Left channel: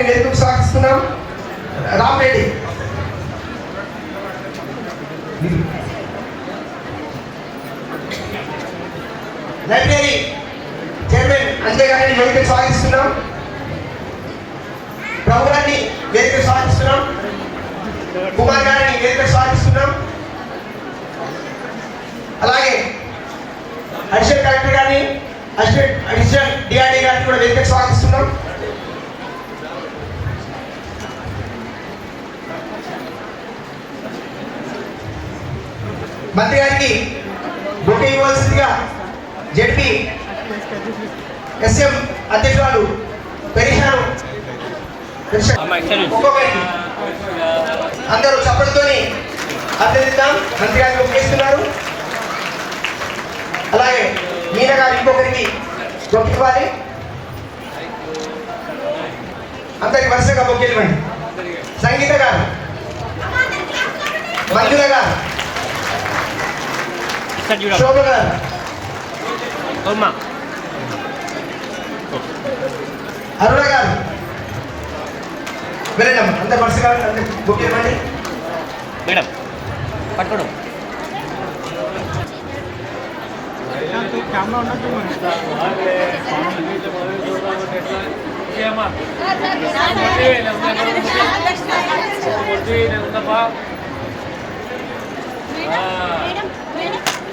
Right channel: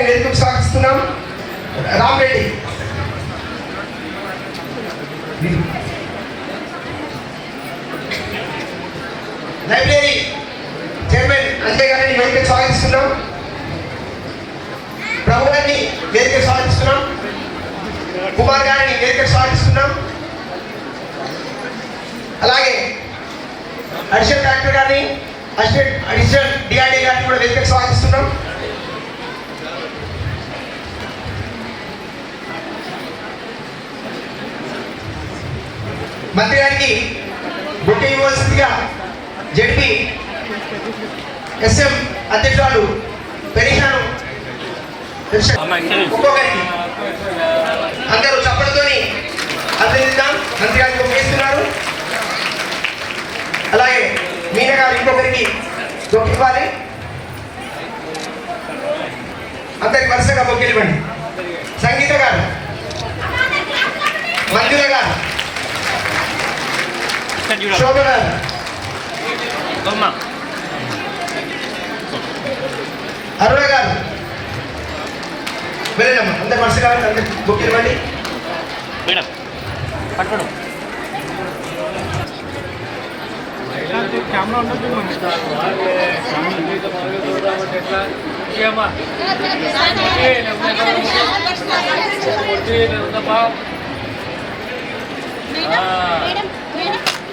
గారిని వేదికకు Ram Ramareddy library chairman Anjay గారిని వేదికకు స్వాగతిస్తున్నాం. ప్రభు గారిని వేదిక స్వాగతిస్తున్నాం. కుమార్ గారిని వేదిక స్వాగతిస్తున్నాం. అలాగే అడిషనల్ కలెక్టర్ గారిని అడిషనల్ అడిషనల్ డిఆర్డీ గారిని కూడా వేదిక స్వాగతిస్తున్నాం. మంత్రి గారికి బుక్ ఇవ్వవలసిందిగా జడ్పీ ఎస్ఎం అధ్యక్షురాలు పెరిషాను ఒక్కొక్కరికి అందరూ చప్పటితోని అభినందిద్దాం. మంత్రి గారికి బుక్ చేస్తున్నారు. అలాగే మీన గారు ఇంకొకరికి బుక్ ఇవ్వాలి. అందరికి వరుసగా బొక్కెళ్ళివ్వండి సంగీత గారు మంజుల గారు గారు అరుణ గారు వెళ్ళండి అందరు వరుసగా అందరు బుక్ ఇవ్వండి. మేడం పట్టుకోండి. కెమెరా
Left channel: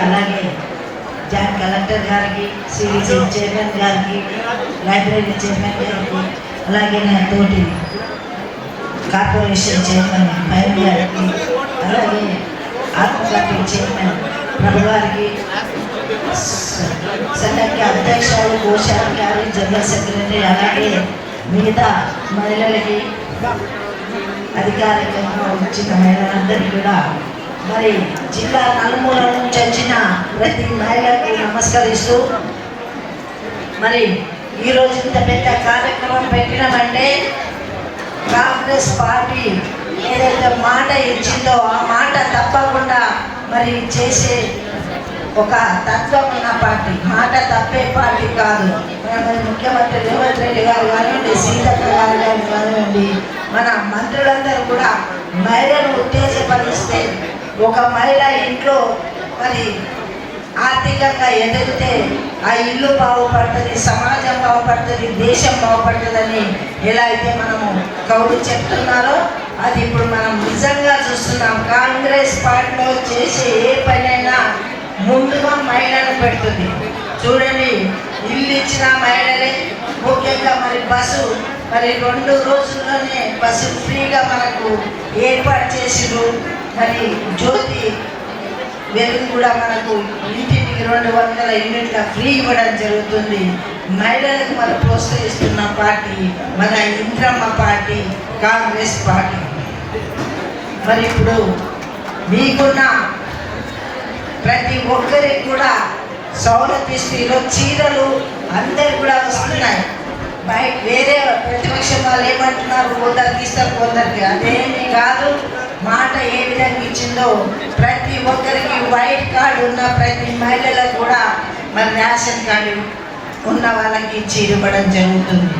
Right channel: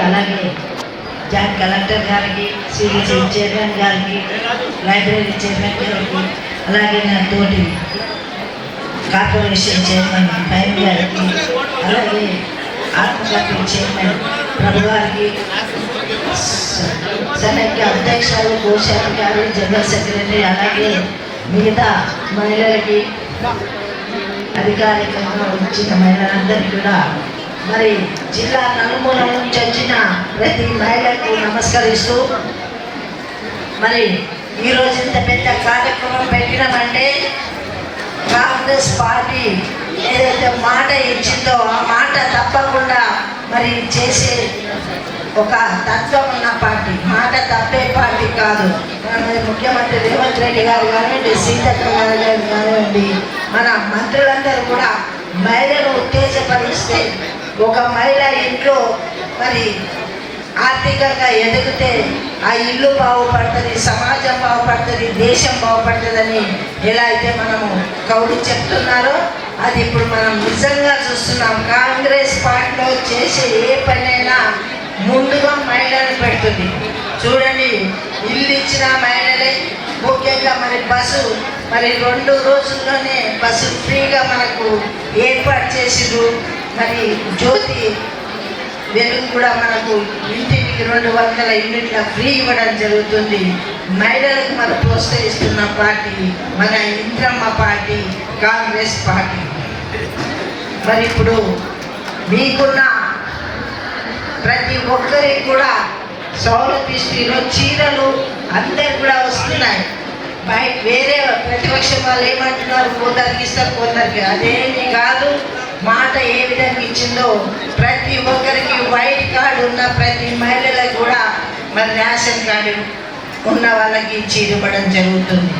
అలాగే జాయింట్ కలెక్టర్ గారికి సిడిసి చైర్మన్ గారికి లైబ్రరీ చైర్మన్ గారికి అలాగే నా తోటి కార్పొరేషన్ చైర్మన్ భయం గారికి అలాగే ఆత్మకథ చైర్మన్ ప్రభు గారికి స- సమైక్య అధ్యక్షులు కోశాధికారి జనరల్ సెక్రటరీ అలాగే మిగతా మహిళలకి అధికారికంగా వచ్చిన మహిళలందరికీ కూడా మరి జిల్లా నలుమూల నుంచి వచ్చిన ప్రతి మహిళకు నమస్కరిస్తూ మరి ఈరోజు ఇంత పెద్ద కార్యక్రమం పెట్టినామంటే కాంగ్రెస్ పార్టీ ఏదైతే మాట ఇచ్చిందో ఆ మాట తప్పకుండా మరి చేసే ఒక తత్వం ఉన్న పార్టీ. మాట తప్పే పార్టీ కాదు. మరి ముఖ్యమంత్రి రేవంత్ రెడ్డి గారు కానివ్వండి సీతక్క గారు గారు కానివ్వండి మన మంత్రులందరూ కూడా మహిళను ఉత్తేజపరిస్తే ఒక మహిళ ఇంట్లో మరి ఆర్థికంగా ఎదిగితే ఆ ఇల్లు బాగుపడుతుంది సమాజం బాగుపడుతుంది దేశం బాగుపడుతుందని ఎలా అయితే మనము కౌలు చెప్తున్నారో అది ఇప్పుడు మనం నిజంగా చూస్తున్నాం. కాంగ్రెస్ పార్టీలో చేసే ఏ పనైనా ముందుగా మహిళను పెడుతుంది. చూడండి ఇల్లు ఇచ్చిన మహిళలే ముఖ్యంగా మరి బస్సు మరి రెండు రోజుల్లోనే బస్సు ఫ్రీగా మనకు ఏర్పాటు చేసిరు మరి జ్యోతి వెలుగు కూడా మనకు ఇంటికి రెండు వందల యూనిట్ల ఫ్రీ ఇవ్వడం జరుగుతుంది. మహిళలకు మనం ప్రోత్సహిస్తున్న పార్టీ మన ఇంద్రమ్మ పార్టీ కాంగ్రెస్ పార్టీ. మరి ఇప్పుడు మీకున్న ప్రతి ఒక్కరికి కూడా సౌలభ్య స్త్రీలో చీరలు అందరు కూడా వస్తున్నాయి. బయట వేరే ప్రతిపక్షం వాళ్ళు ఏమంటున్నారు? కొందరికి ఇస్తారు కొందరికి అదేమి కాదు. మాట ఏ విధంగా ఇచ్చిందో ప్రతి ఒక్కరికి వైట్ కార్డు ఉన్న ప్రతి మహిళలకు కూడా మరి రేషన్ కార్డు ఉన్న వాళ్ళకి ఇచ్చి ఇవ్వడం జరుగుతుంది.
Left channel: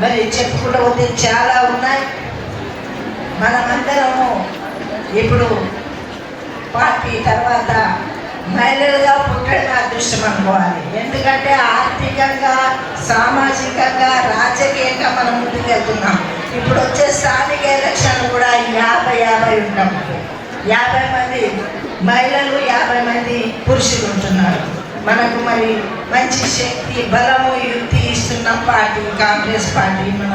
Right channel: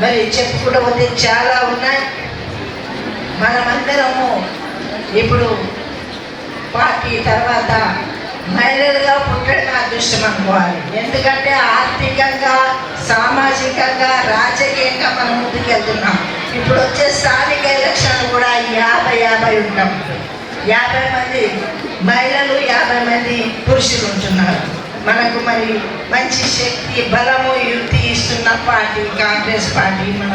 మరి చెప్పుకుంటూ పోతే చాలా ఉన్నాయి. మనమందరము ఇప్పుడు పార్టీ తర్వాత మహిళలుగా పుట్టడం అదృష్టం అనుకోవాలి. ఎందుకంటే ఆర్థికంగా సామాజికంగా రాజకీయంగా మనం ముందుకెళ్తున్నాం. ఇప్పుడు వచ్చే స్థానిక ఎలక్షన్ కూడా యాభై యాభై ఉంటాం. యాభై మంది మహిళలు యాభై మంది పురుషులు ఉంటున్నారు. మనకు మరి మంచి శక్తి బలము యుక్తి ఇస్తున్న పార్టీ కాంగ్రెస్ పార్టీ మన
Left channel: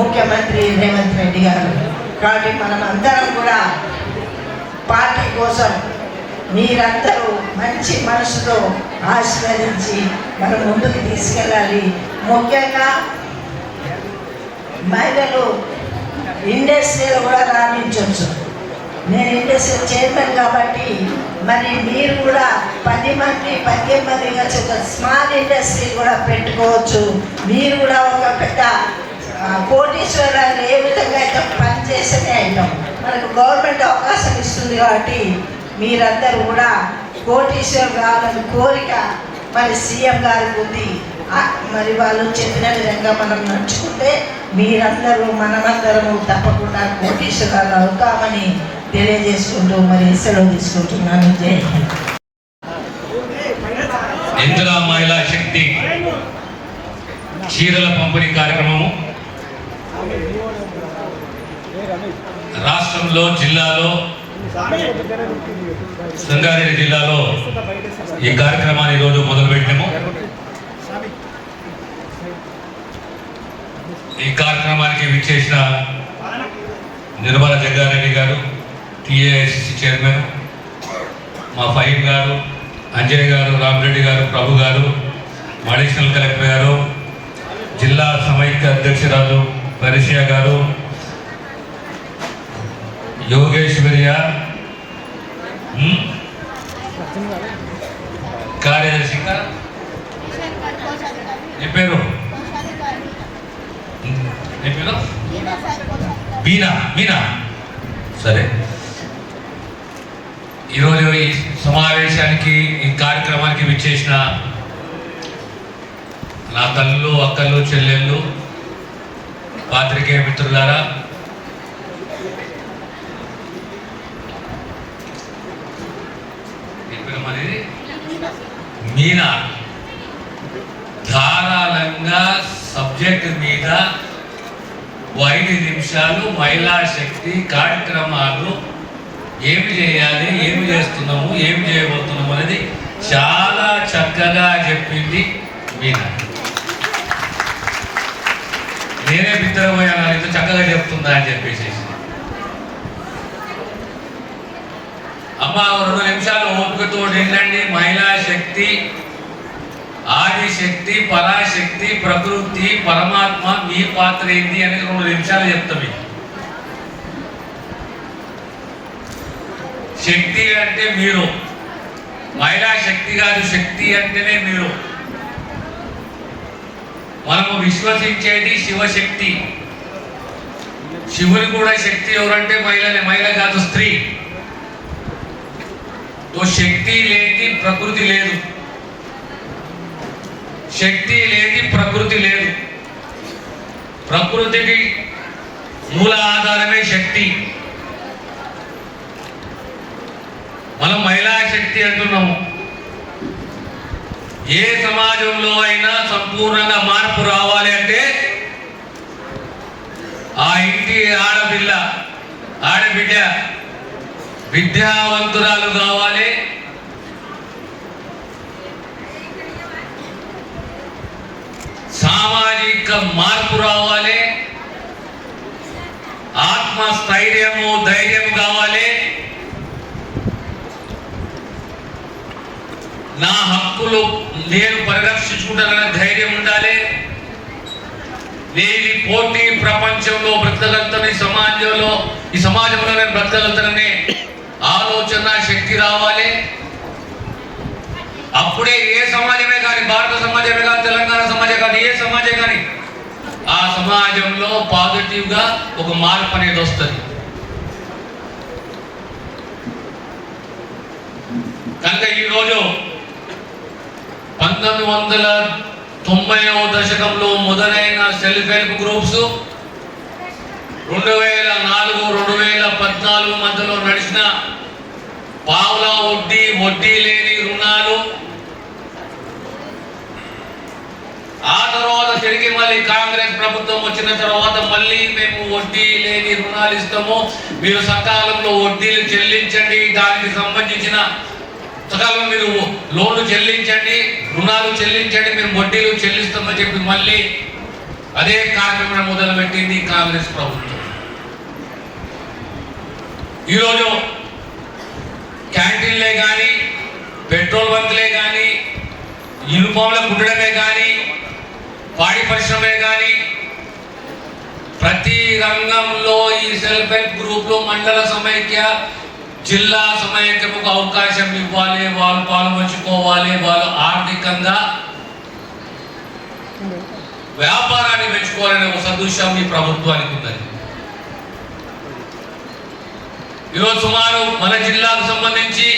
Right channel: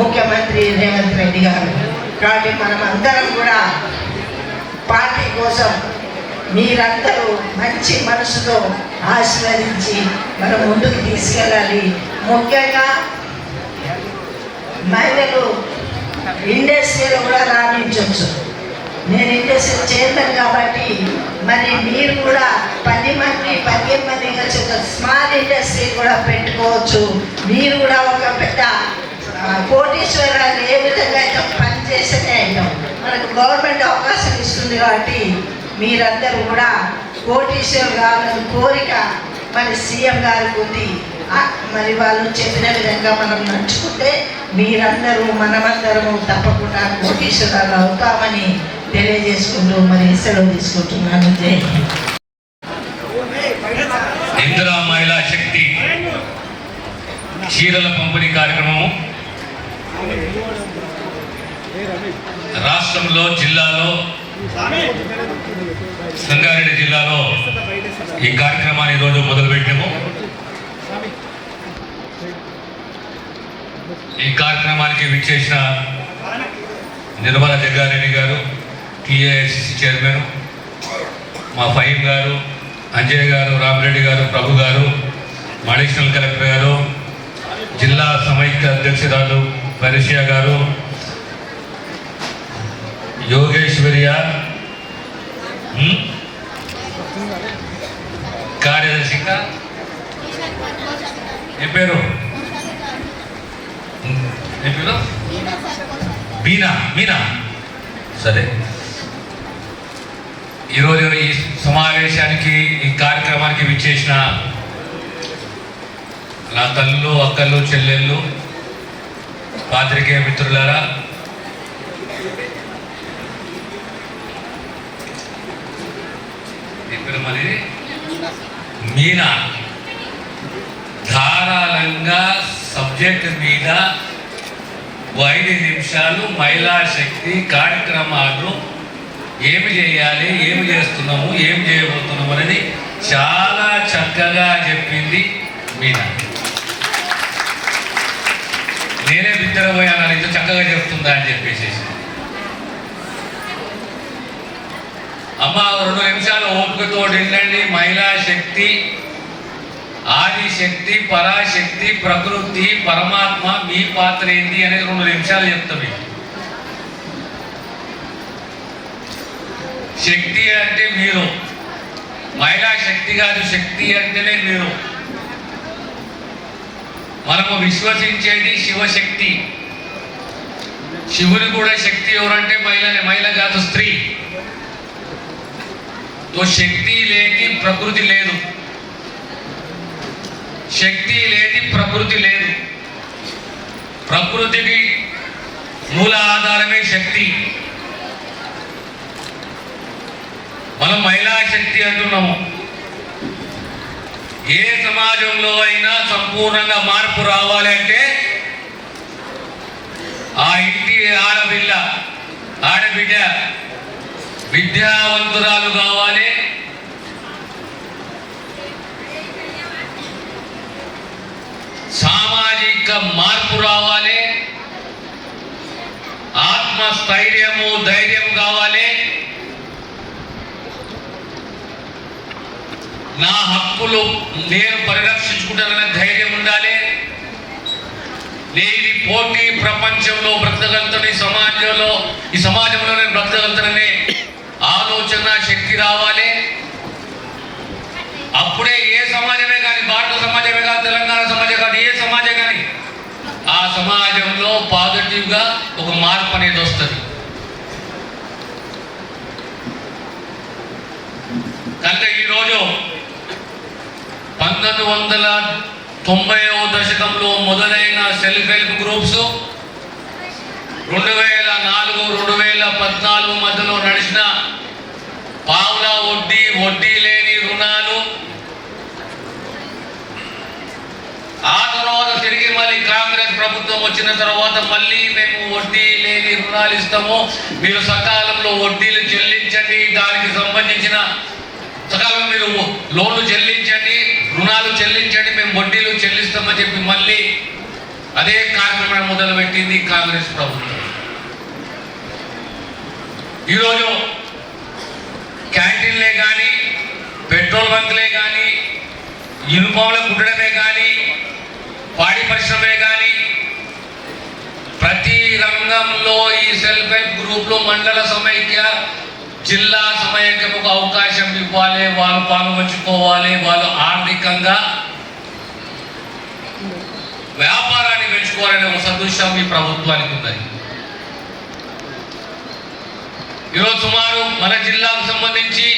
ముఖ్యమంత్రి రేవంత్ రెడ్డి గారు. కాబట్టి మనం అందరం కూడా పార్టీ కోసం మీరందరూ మంచి మనసుతో ఆశీర్వదించి మనం ముందుకు తీసుకెళ్ళాలి. ముఖ్యంగా మహిళలు ఇండస్ట్రీలో కూడా రాణించవచ్చు. నేను ఇండస్ట్రీ చైర్మన్ కాబట్టి మరి మీరు కూడా పది మంది పదిహేను మంది కలిసి ఒక స్మాల్ ఇండస్ట్రీ కూడా పెట్టుకోవచ్చు. మీరు కూడా ఒక పెద్ద కోటీశ్వరాలు ఏ విధంగా అయితే పనిచేస్తేనే అయినాం. మనకు గవర్నమెంట్ అవకాశం ఇస్తుంది కాబట్టి మీరందరూ కూడా కోటీశ్వర్ కావాలని కోరిక మరి సీఎం గారికి ఉంది. మరి వాళ్ళు చెప్పిన విధంగా మనం నడుచుకుంటే మీరందరూ మనమందరము తప్పకుండా కోటీశ్వరాలు అవుతామని తెలియజేసుకుంటూ మరి సెలవు తీసుకుంటున్నాను. జై ఇందిరా మహిళా శక్తి చీరల పంపిణీ కార్యక్రమము రాష్ట్రంలో జిల్లాలో సంగారెడ్డి జిల్లాలో ఈ కార్యక్రమాన్ని ఈరోజు మొదలుపెట్టాము ఈ కార్యక్రమానికి విచ్చేసిన నిర్మల జగ్గారెడ్డి గారు టీఏఐసిసి చైర్మన్ మా ఫైన్ గారు అంజయ్ గారు రామరెడ్డి గారు ప్రభు గారు అడిషనల్ కలెక్టర్ గారు జిల్లా సమైక్య అధ్యక్షురాలు పరిషియా గారు యోగేశ్వర్య కార్యదర్శి ఏ పేరు? పేరు బీనా మీనా సరే. ఈరోజు ఈ సమావేశానికి ఈ కార్యక్రమానికి విచ్చేసిన నా తల్లు అక్కలు చెల్లెళ్ళు పాత్రికేయ మిత్రులారా మీనా. ధారాళంగా సబ్జెక్ట్ మీద ఐదు నిమిషాలు మహిళా శక్తి కార్యక్రమాలు ఏమి చేయాలి ఏమి చేస్తున్నాము ఏమి చేయబోతున్నాము అనేది చాలా చక్కగా చెప్పింది మీనా. నేనే బిద్దరపోయాను ఇంత చక్కగా చెప్తుందా అని చెప్పేసి. అమ్మ రెండు నిమిషాలు ఓపికతో నిండండి. మహిళా శక్తి ఆదిశక్తి పరాశక్తి ప్రకృతి పరమాత్మ మీ పాత్ర ఏంటి అనేది రెండు నిమిషాలు చెప్తాం శక్తి అంటే మీరు. మహిళా శక్తి కాదు శక్తి అంటేనే మీరు. మనము విశ్వసించేది శివశక్తి. శివుని కూడా శక్తి ఎవరంటే మహిళనే మహిళ కాదు స్త్రీ. తో శక్తి లేని ప్రకృతి లేదు. శక్తి లేని ప్రకృతి లేదు ప్రకృతికి మూల ఆధారమే శక్తి. మనం మహిళా శక్తి అంటున్నాము. ఏ సమాజంలో అయినా సంపూర్ణంగా మార్పు రావాలి అంటే ఆ ఇంటి ఆడపిల్ల ఆడబిడ్డ విద్యావంతురాలు కావాలి. సామాజిక మార్పు రావాలి. ఆత్మస్థైర్యము ధైర్యం కావాలి. నా హక్కులు నేను పరిరక్షించుకుంటానన్న ధైర్యం ఉండాలి. నేను పోటీ ప్రపంచంలో బ్రతకగలుగుతాను ఈ సమాజంలో ఈ సమాజంలో నేను బ్రతకగలుగుతాననే ఆలోచన శక్తి రావాలి. అప్పుడే ఏ సమాజమే కానీ భారత సమాజమే కానీ తెలంగాణ సమాజం కానీ ఏ సమాజం కానీ ఆ సమాజంలో పాజిటివ్గా ఒక మార్పు అనేది వస్తుంది. కనుక ఈరోజు పంతొమ్మిది వందల తొంభైవ దశకంలో మొదలైన సెల్ఫ్ హెల్ప్ గ్రూప్స్ రెండు వేల నాలుగు రెండు వేల పద్నాలుగు మధ్యలో నడిచిన పావుల వడ్డీ వడ్డీ లేని రుణాలు ఆ తర్వాత ఈ కాంగ్రెస్ ప్రభుత్వం వచ్చిన తర్వాత మళ్ళీ మేము వడ్డీ లేని రుణాలు ఇస్తాము. మీరు సకాలంలో వడ్డీలు చెల్లించండి. దానికి సంబంధించిన సకాలం మీరు లోన్లు చెల్లించండి. రుణాలు చెల్లించండి. మేము వడ్డీలు చెల్లిస్తామని చెప్పి మళ్ళీ అదే కార్యక్రమం మొదలుపెట్టింది కాంగ్రెస్ ప్రభుత్వం. ఈరోజు క్యాంటీన్లే కానీ పెట్రోల్ బంక్లే కానీ యూనిఫామ్లు కుట్టడమే కానీ పాడి పరిశ్రమే కానీ ప్రతి రంగంలో ఈ సెల్ఫ్ హెల్ప్ గ్రూప్లో మండల సమైక్య జిల్లా సమైక్యకు అవకాశం ఇవ్వాలి వాళ్ళు పాల్పంచుకోవాలి వాళ్ళు ఆర్థికంగా వ్యాపారాన్ని పెంచుకోవాలనే ఒక సదృశ్యం ఈ ప్రభుత్వానికి ఉన్నది. ఈరోజు సుమారు మన జిల్లాకు సంబంధించి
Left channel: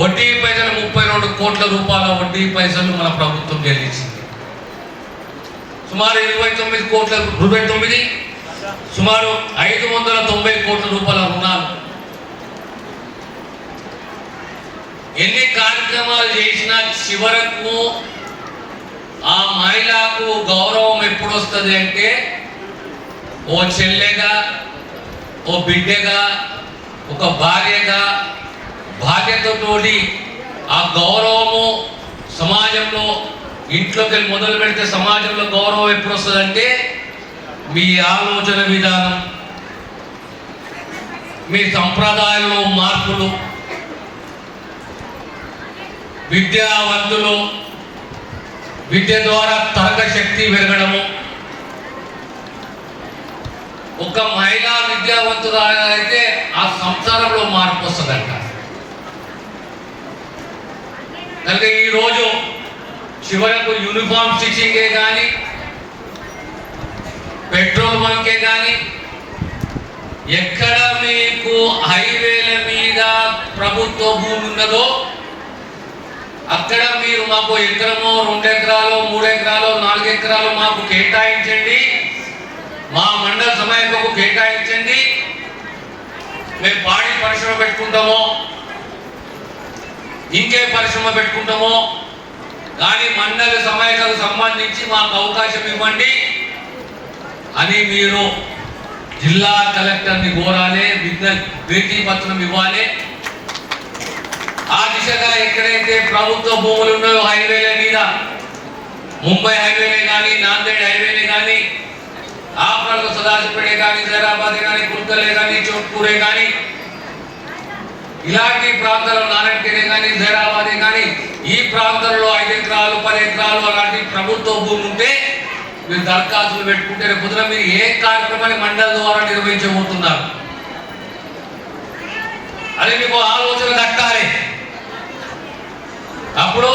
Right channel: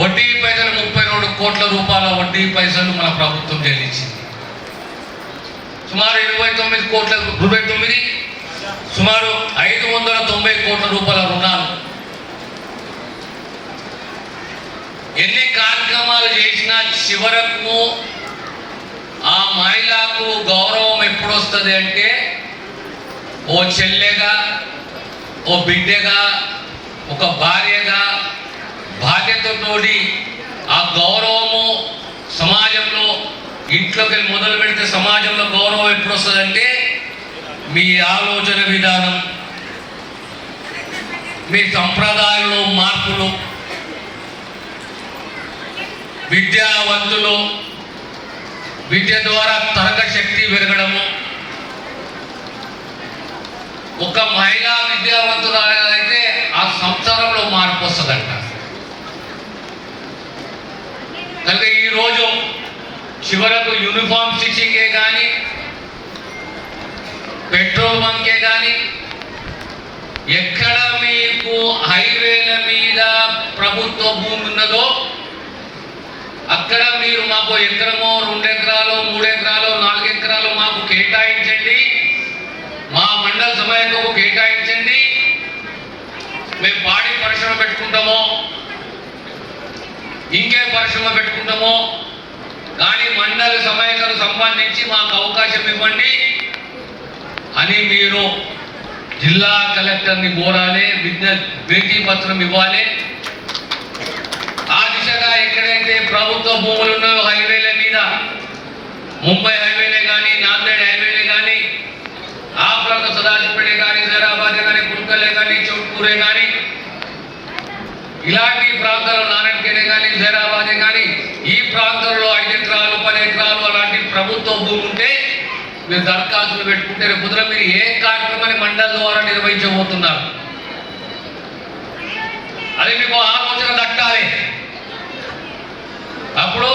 వడ్డీ పైసలు ముప్పై రెండు కోట్ల రూపాయల వడ్డీ పైసలు మన ప్రభుత్వం చెల్లించింది. సుమారు ఇరవై తొమ్మిది కోట్ల ఇరవై తొమ్మిది సుమారు ఐదు వందల తొంభై కోట్ల రూపాయల రుణాలు. ఎన్ని కార్యక్రమాలు చేసినా చివరకు ఆ మహిళకు గౌరవం ఎప్పుడు వస్తుంది అంటే ఓ చెల్లెగా ఓ బిడ్డగా ఒక భార్యగా బాధ్యతతోటి ఆ గౌరవము సమాజంలో ఇంట్లోకి వెళ్ళి మొదలు పెడితే సమాజంలో గౌరవం ఎప్పుడు వస్తుందంటే మీ ఆలోచన విధానం మీ సంప్రదాయంలో మార్పులు విద్యావంతులు విద్య ద్వారా తర్క శక్తి పెరగడము. ఒక మహిళా విద్యావంతులు అయితే ఆ సంసారంలో మార్పు వస్తుందంట. కనుక ఈరోజు చివరకు యూనిఫామ్ స్టిచ్చింగే కానీ పెట్రోల్ బంకే కానీ ఎక్కడ మీకు హైవేల మీద ప్రభుత్వ భూమి ఉన్నదో అక్కడ మీరు మాకు ఎకరమో రెండు ఎకరాలు మూడు ఎకరాలు నాలుగు ఎకరాలు మాకు కేటాయించండి. మా మండల సమయంలో కేటాయించండి. మేము పాడి పరిశ్రమ పెట్టుకుంటామో ఇంకే పరిశ్రమ పెట్టుకుంటామో కానీ మండల సమయాలకు సంబంధించి మాకు అవకాశం ఇవ్వండి అని మీరు జిల్లా కలెక్టర్ని కోరాలి విజ్ఞప్తి భేటీ పత్రం ఇవ్వాలి. ఆ దిశగా ఎక్కడైతే ప్రభుత్వ భూములు ఉన్నాయో హైవేల మీద ముంబై హైవేలే కానీ నాందేడ్ హైవేలే కానీ ఆపరకు సదాశివపేట కానీ జైరాబాద్ కానీ కుల్కలే కానీ చౌట్పూరే కానీ ఇలాంటి ప్రాంతాల్లో నారాయణకేనే కానీ హైదరాబాదే కానీ ఈ ప్రాంతంలో ఐదు ఎకరాలు పది ఎకరాలు అలాంటి ప్రభుత్వ భూమి ఉంటే మీరు దరఖాస్తులు పెట్టుకుంటే కుదర మీరు ఏ కార్యక్రమాన్ని మండల ద్వారా నిర్వహించబోతున్నారు? అది మీకు ఆలోచన దక్కాలి. అప్పుడు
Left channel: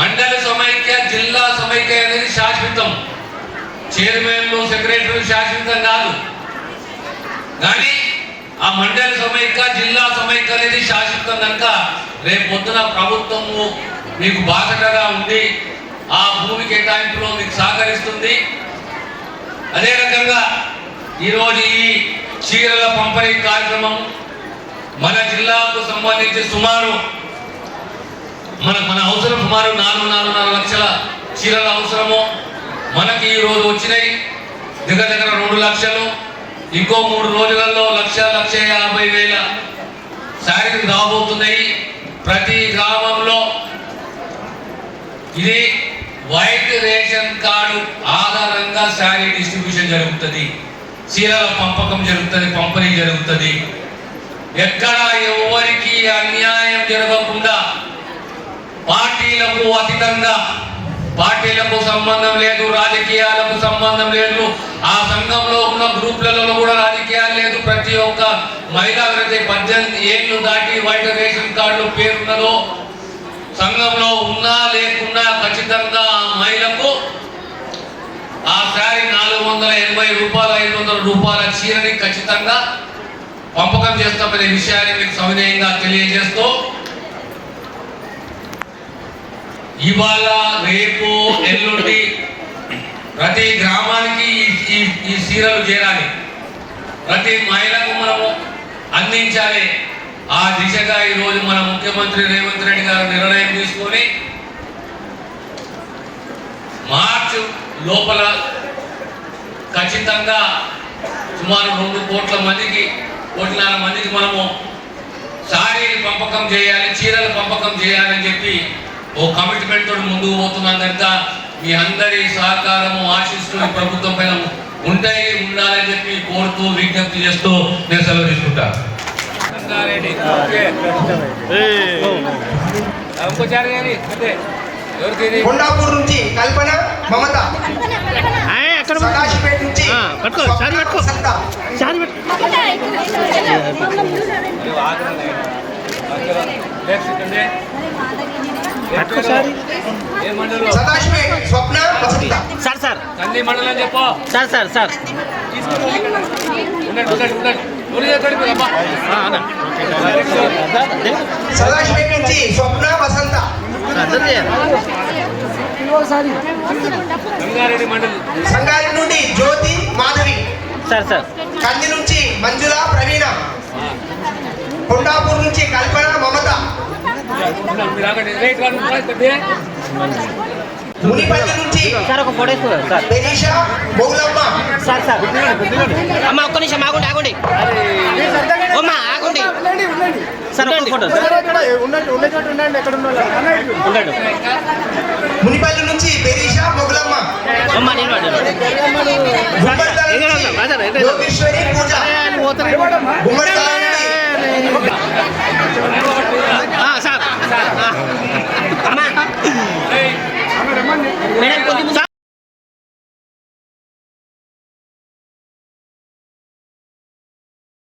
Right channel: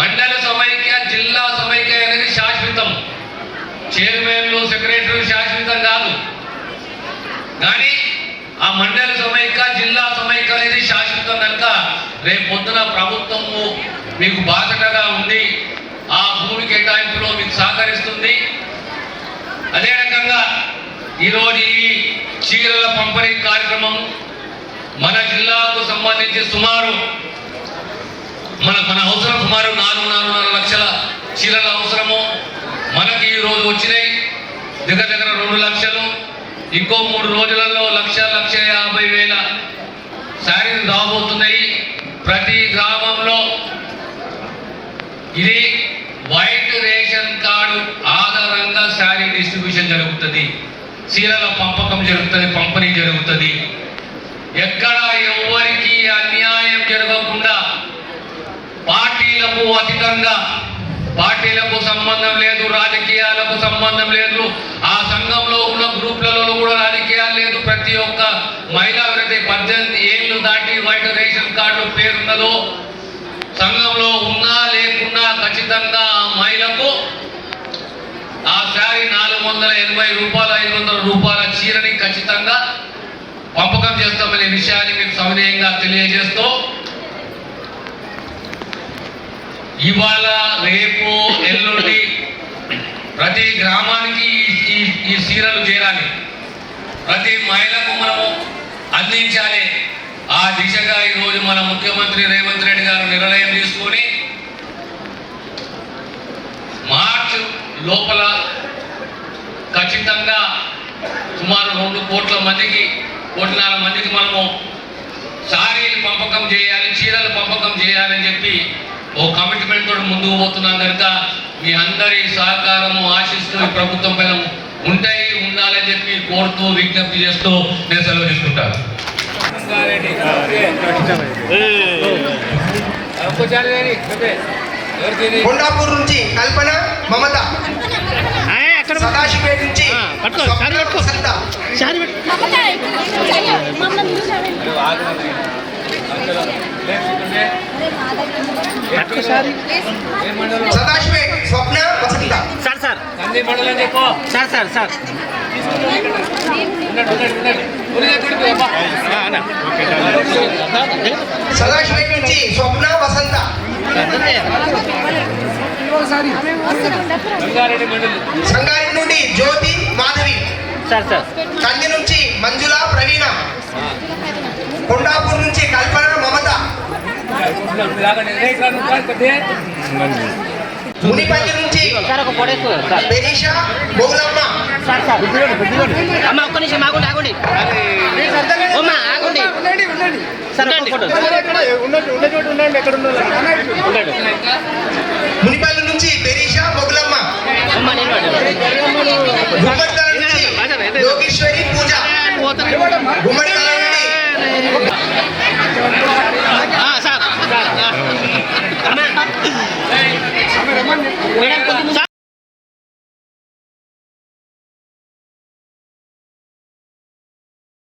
మండల సమైక్య జిల్లా సమైక్య అనేది శాశ్వతం. చైర్మన్లు సెక్రటరీ శాశ్వతం కాదు. కానీ ఆ మండలి సమైక్య జిల్లా సమైక్య అనేది శాశ్వతం కనుక రేపు పొద్దున ప్రభుత్వము మీకు బాధ్యతగా ఉంది. ఆ భూమి కేటాయింపులో మీకు సహకరిస్తుంది. అదే రకంగా ఈరోజు ఈ చీరల పంపిణీ కార్యక్రమం మన జిల్లాకు సంబంధించి సుమారు మన మన అవసరం సుమారు నాలుగు నాలుగున్నర లక్షల చీరల అవసరము మనకి ఈరోజు వచ్చినాయి. దగ్గర దగ్గర ఇంకో మూడు రోజులలో లక్ష లక్ష యాభై వేల శారీలు రాబోతున్నాయి. ప్రతి గ్రామంలో ఇది వైట్ రేషన్ కార్డు ఆధారంగా శారీ డిస్ట్రిబ్యూషన్ జరుగుతుంది. చీరల పంపకం జరుగుతుంది పంపిణీ జరుగుతుంది. ఎక్కడ ఎవరికి అన్యాయం జరగకుండా పార్టీలకు అతీతంగా పార్టీలకు సంబంధం లేదు రాజకీయాలకు సంబంధం లేదు ఆ సంఘంలో ఉన్న గ్రూపులలో కూడా రాజకీయాలు లేదు ప్రతి ఒక్క మహిళ ఎవరైతే పద్దెనిమిది ఏళ్ళు దాటి వైట్ రేషన్ కార్డు పేరున్నదో సంఘంలో ఉన్నా లేకున్నా ఖచ్చితంగా ఆ మహిళకు ఆ శారీ నాలుగు వందల ఎనభై రూపాయలు ఐదు వందల రూపాయల చీరని ఖచ్చితంగా పంపకం చేస్తామనే విషయాన్ని మీకు సవినయంగా తెలియజేస్తూ ఇవాళ రేపు ఎల్లుండి ప్రతి గ్రామానికి ఈ ఈ చీరలు చేరాలి. ప్రతి మహిళకు మనము అందించాలి. ఆ దిశగా ఈరోజు మన ముఖ్యమంత్రి రేవంత్ రెడ్డి గారు నిర్ణయం తీసుకొని మార్చ్ లోపల ఖచ్చితంగా సుమారు రెండు కోట్ల మందికి కోట్లన్నర మందికి మనము సారీలు పంపకం చేయాలి చీరలు పంపకం చేయాలని చెప్పి ఓ కమిట్మెంట్ తోటి ముందుకు పోతున్నాం కనుక మీ అందరి సహకారము ఆశిస్తూ ఈ ప్రభుత్వం పైన ఉంటాయి ఉండాలని చెప్పి కోరుతూ విజ్ఞప్తి చేస్తూ నేను సెలవు తీసుకుంటాను. రంగారెడ్డి ఇంకోసారి ఎవరికి కొండాపూర్ నుంచి కల్పన మమత. సదాశివపేట నుంచి స్వప్న. Vasantha Sadasivpet Swapna sir sir. కంది మండలం చెప్పు. Sir sir sir. సదాశివపేట నుంచి స్వప్న వసంత సంగారెడ్డి నుండి జ్యోతి మాధవి. Sir sir. కంది నుంచి మంజుల ప్రవీణ. కొండాపూర్ నుంచి కల్పన మమత. మునిపల్లి బెనీషా బౌలమ్మ అమ్మ ఒక్క నిమిషం ఆగండి ఆగండి. అమ్మ ఆగండి. మునిపల్లి నుంచి బెనీషా మొగులమ్మ